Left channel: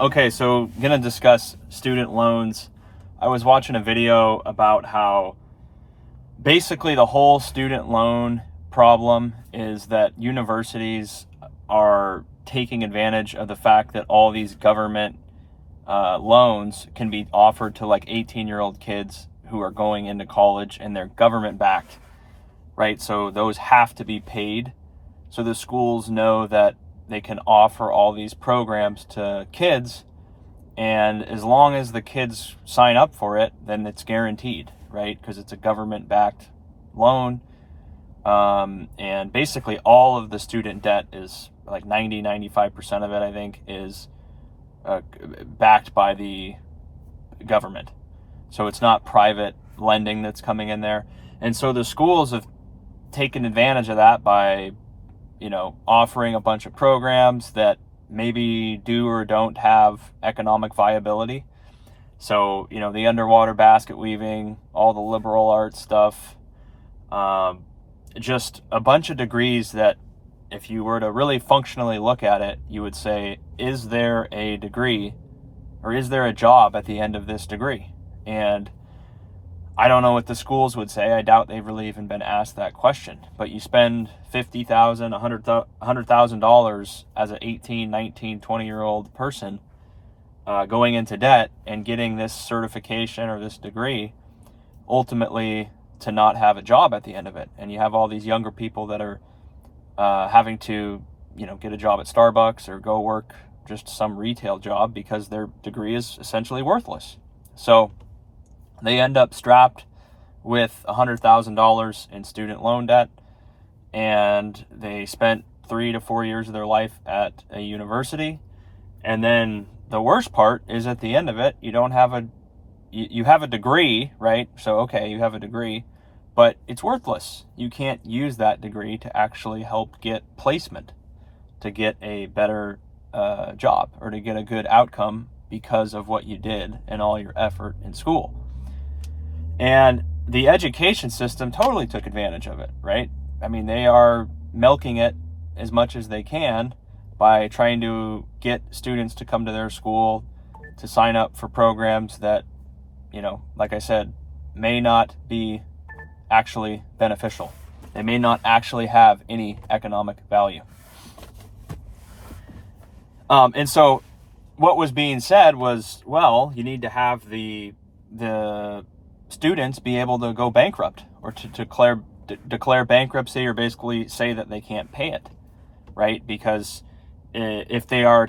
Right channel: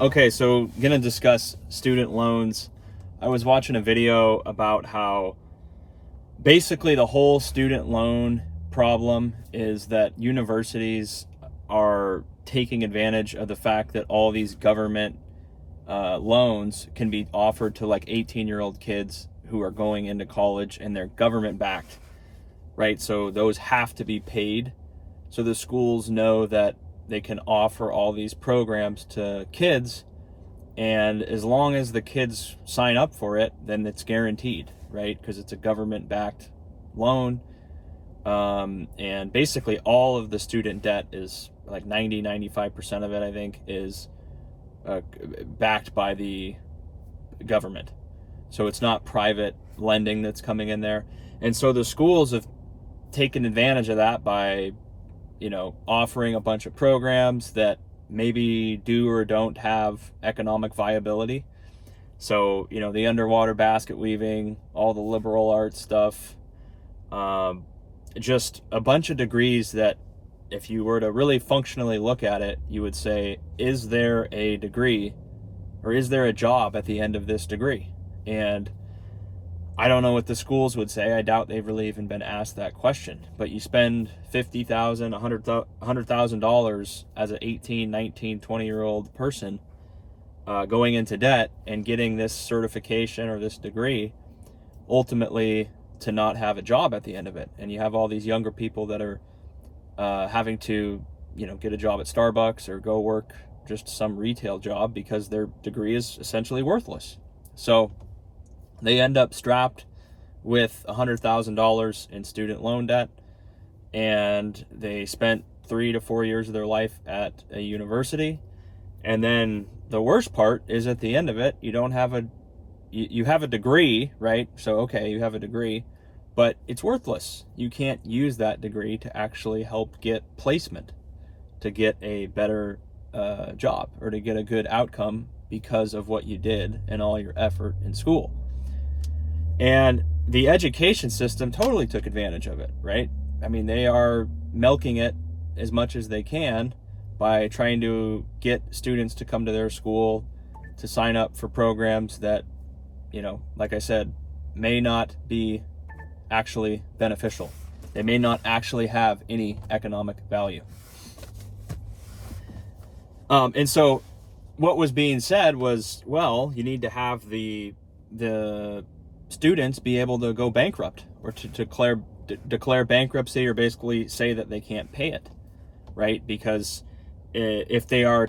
Okay, so gonna discuss student loans. I was watching a video about how basically the whole student loan problem is that universities are taking advantage of the fact that all these government loans can be offered to like 18-year-old kids who are going into college, and they're government backed, right? So those have to be paid. So the schools know that they can offer all these programs to kids, and as long as the kids sign up for it, then it's guaranteed, right? Because it's a government backed loan. And basically all of the student debt is like 95% of it, I think, is backed by the government. So it's not private lending that's coming in there. And so the schools have taken advantage of that by, offering a bunch of programs that maybe do or don't have economic viability. So, the underwater basket weaving, all the liberal arts stuff, just a bunch of degrees that if you were to really functionally look at it, you would say, is there a degree or is there a job at the end of this degree? And I don't know what the schools would say. I doubt they've really even been asked that question. But you spend $50,000, $100,000 as an 18, 19, 20-year-old person going into debt and getting this certification or this degree, ultimately to not have a job at the end of it. And you have all these younger people that are having to, get a job at Starbucks or go work just some retail job because their degree is essentially worthless. So they end up strapped with $100,000 in student loan debt, and they spent 3 to 4 years of their life at a university. And then the worst part is at the end of it, you have a degree, right? So, okay, you have a degree, but it's worthless. You can't use that degree to actually help get placement, to get a better job, or to get a good outcome because of what you did and all your effort in school. And the education system totally took advantage of it, right? I mean, they are milking it as much as they can by trying to get students to come to their school to sign up for programs that, like I said, may not be actually beneficial. They may not actually have any economic value. And so what was being said was, well, you need to have the students be able to go bankrupt, or to declare bankruptcy, or basically say that they can't pay it, right? Because if they are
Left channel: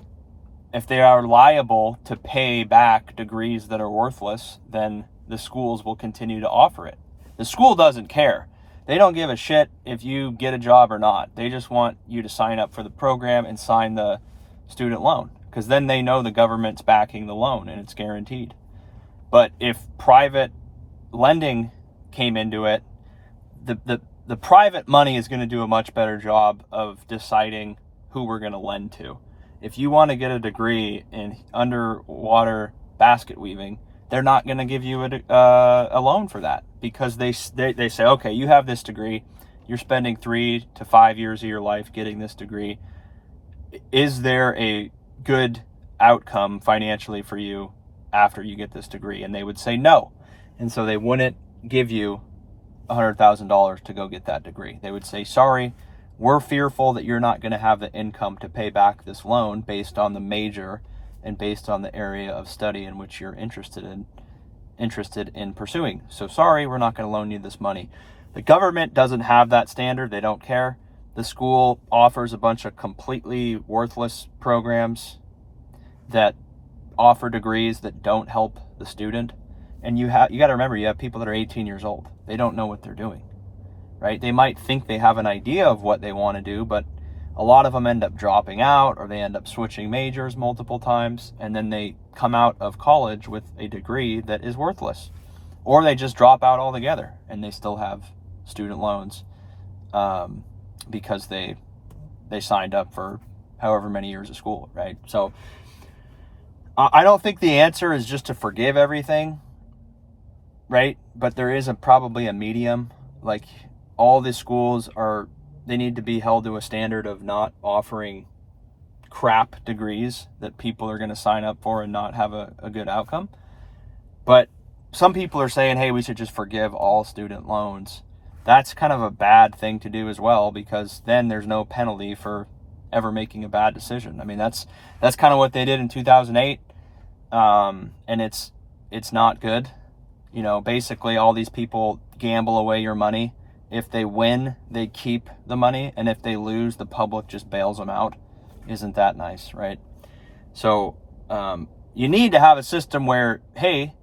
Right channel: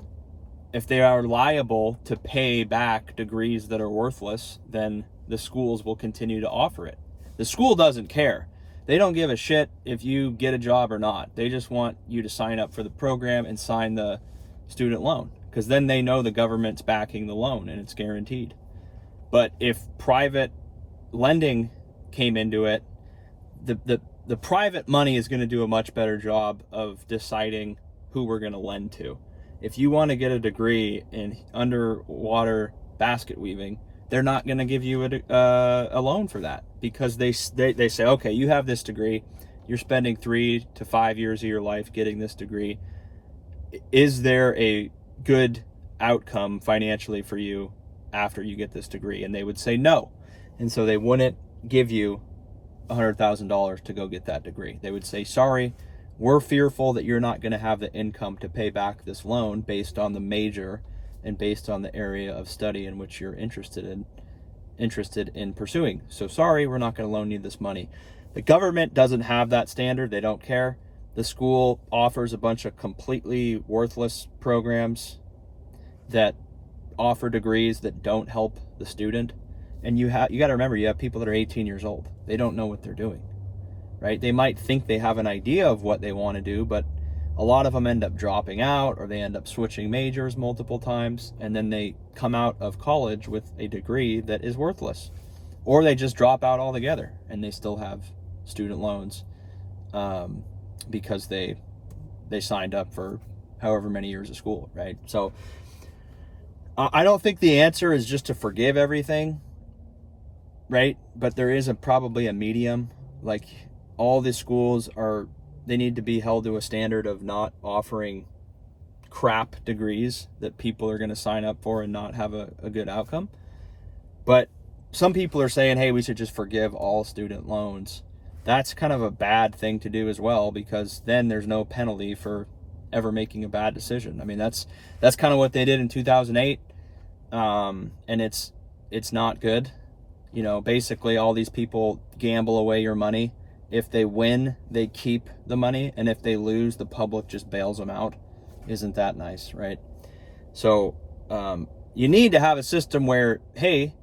liable to pay back degrees that are worthless, then the schools will continue to offer it. The school doesn't care. They don't give a shit if you get a job or not. They just want you to sign up for the program and sign the student loan, because then they know the government's backing the loan and it's guaranteed. But if private lending came into it, the private money is going to do a much better job of deciding who we're going to lend to. If you want to get a degree in underwater basket weaving, they're not going to give you a loan for that, because they say, okay, you have this degree, you're spending 3 to 5 years of your life getting this degree. Is there a good outcome financially for you after you get this degree? And they would say no. And so they wouldn't give you $100,000 to go get that degree. They would say, sorry, we're fearful that you're not going to have the income to pay back this loan based on the major and based on the area of study in which you're interested in pursuing. So sorry, we're not going to loan you this money. The government doesn't have that standard. They don't care. The school offers a bunch of completely worthless programs that offer degrees that don't help the student. And you got to remember, you have people that are 18 years old. They don't know what they're doing, right? They might think they have an idea of what they want to do, but a lot of them end up dropping out, or they end up switching majors multiple times, and then they come out of college with a degree that is worthless. Or they just drop out altogether and they still have student loans because they signed up for however many years of school, right? So I don't think the answer is just to forgive everything, right? But there is probably a medium. Like, all the schools they need to be held to a standard of not offering crap degrees that people are going to sign up for and not have a good outcome. But some people are saying, hey, we should just forgive all student loans. That's kind of a bad thing to do as well, because then there's no penalty for ever making a bad decision. I mean, that's kind of what they did in 2008. And it's not good. Basically all these people gamble away your money. If they win, they keep the money. And if they lose, the public just bails them out. Isn't that nice, right? So you need to have a system where, hey,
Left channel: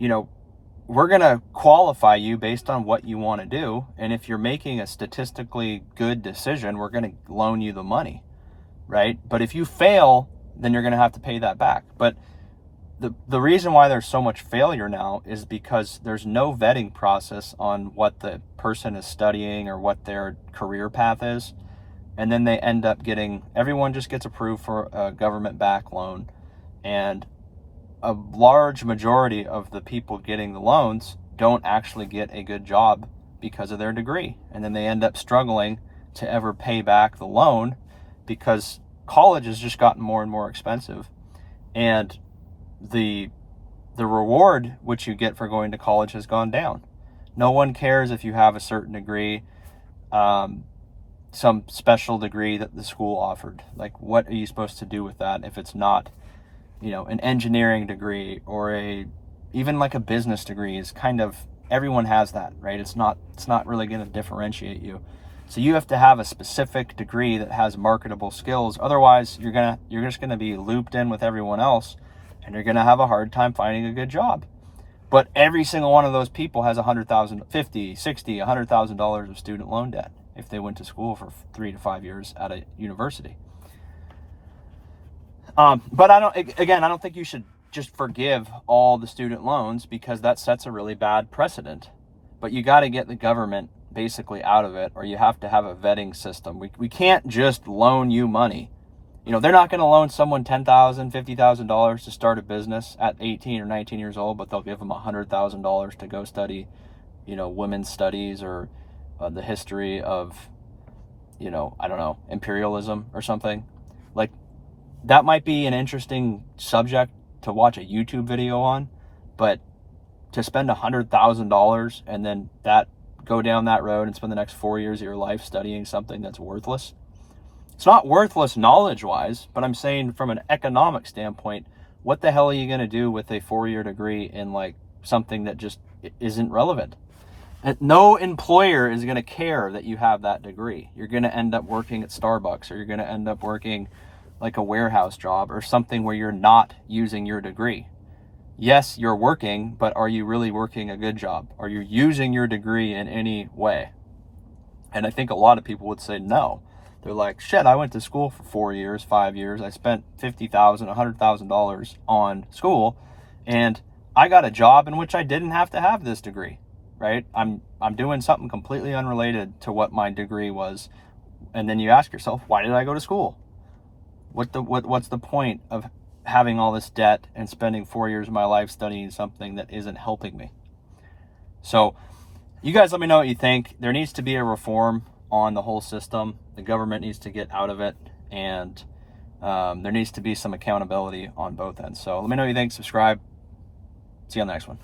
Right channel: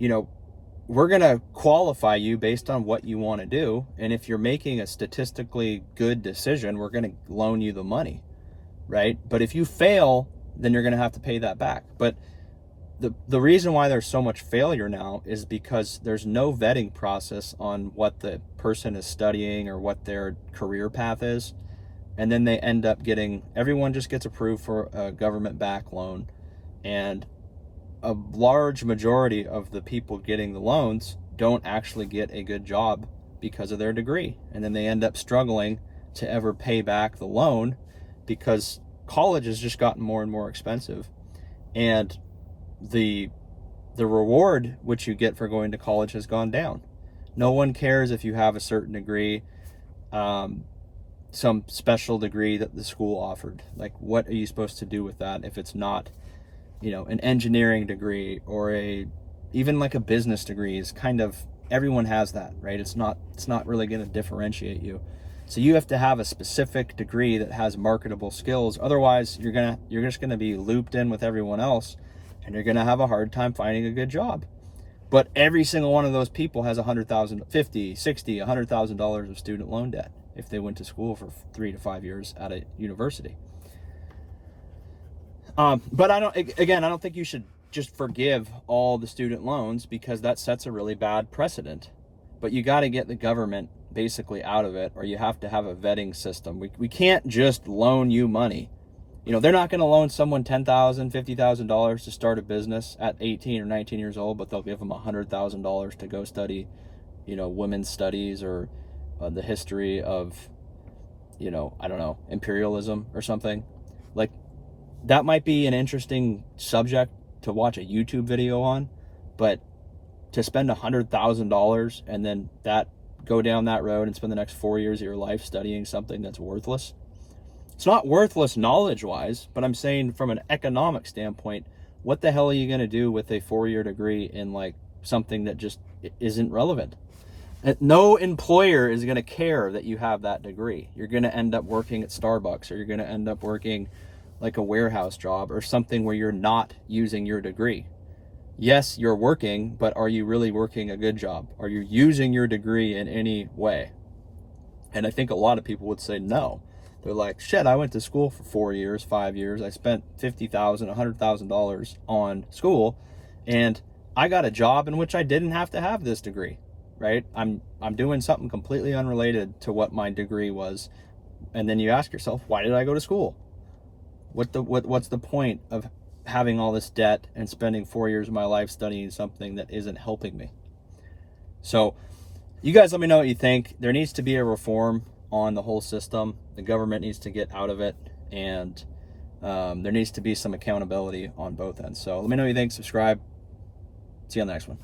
we're going to qualify you based on what you want to do. And if you're making a statistically good decision, we're going to loan you the money, right? But if you fail, then you're going to have to pay that back. But the reason why there's so much failure now is because there's no vetting process on what the person is studying or what their career path is. And then they end up everyone just gets approved for a government back loan. And a large majority of the people getting the loans don't actually get a good job because of their degree. And then they end up struggling to ever pay back the loan because college has just gotten more and more expensive. And the reward which you get for going to college has gone down. No one cares if you have a certain degree, some special degree that the school offered. Like, what are you supposed to do with that if it's not, an engineering degree or even like a business degree? Is kind of, everyone has that, right? It's not really going to differentiate you. So you have to have a specific degree that has marketable skills. Otherwise, you're just going to be looped in with everyone else, and you're going to have a hard time finding a good job. But every single one of those people has $100,000, $50,000, $60,000, $100,000 of student loan debt if they went to school for 3 to 5 years at a university. But I don't think you should just forgive all the student loans, because that sets a really bad precedent. But you got to get the government basically out of it, or you have to have a vetting system. We can't just loan you money. They're not going to loan someone $10,000, $50,000 to start a business at 18 or 19 years old, but they'll give them $100,000 to go study, women's studies or the history of, I don't know, imperialism or something. Like, that might be an interesting subject to watch a YouTube video on, but to spend $100,000 and then go down that road and spend the next 4 years of your life studying something that's worthless. It's not worthless knowledge-wise, but I'm saying from an economic standpoint, what the hell are you going to do with a 4-year degree in like something that just isn't relevant? And no employer is going to care that you have that degree. You're going to end up working at Starbucks, or you're going to end up working like a warehouse job or something where you're not using your degree. Yes, you're working, but are you really working a good job? Are you using your degree in any way? And I think a lot of people would say no. They're like, shit, I went to school for 4 years, 5 years. I spent $50,000, $100,000 on school, and I got a job in which I didn't have to have this degree, right? I'm doing something completely unrelated to what my degree was. And then you ask yourself, why did I go to school? What's the point of having all this debt and spending 4 years of my life studying something that isn't helping me? So you guys let me know what you think. There needs to be a reform on the whole system. The government needs to get out of it, and there needs to be some accountability on both ends. So let me know what you think. Subscribe. See you on the next one.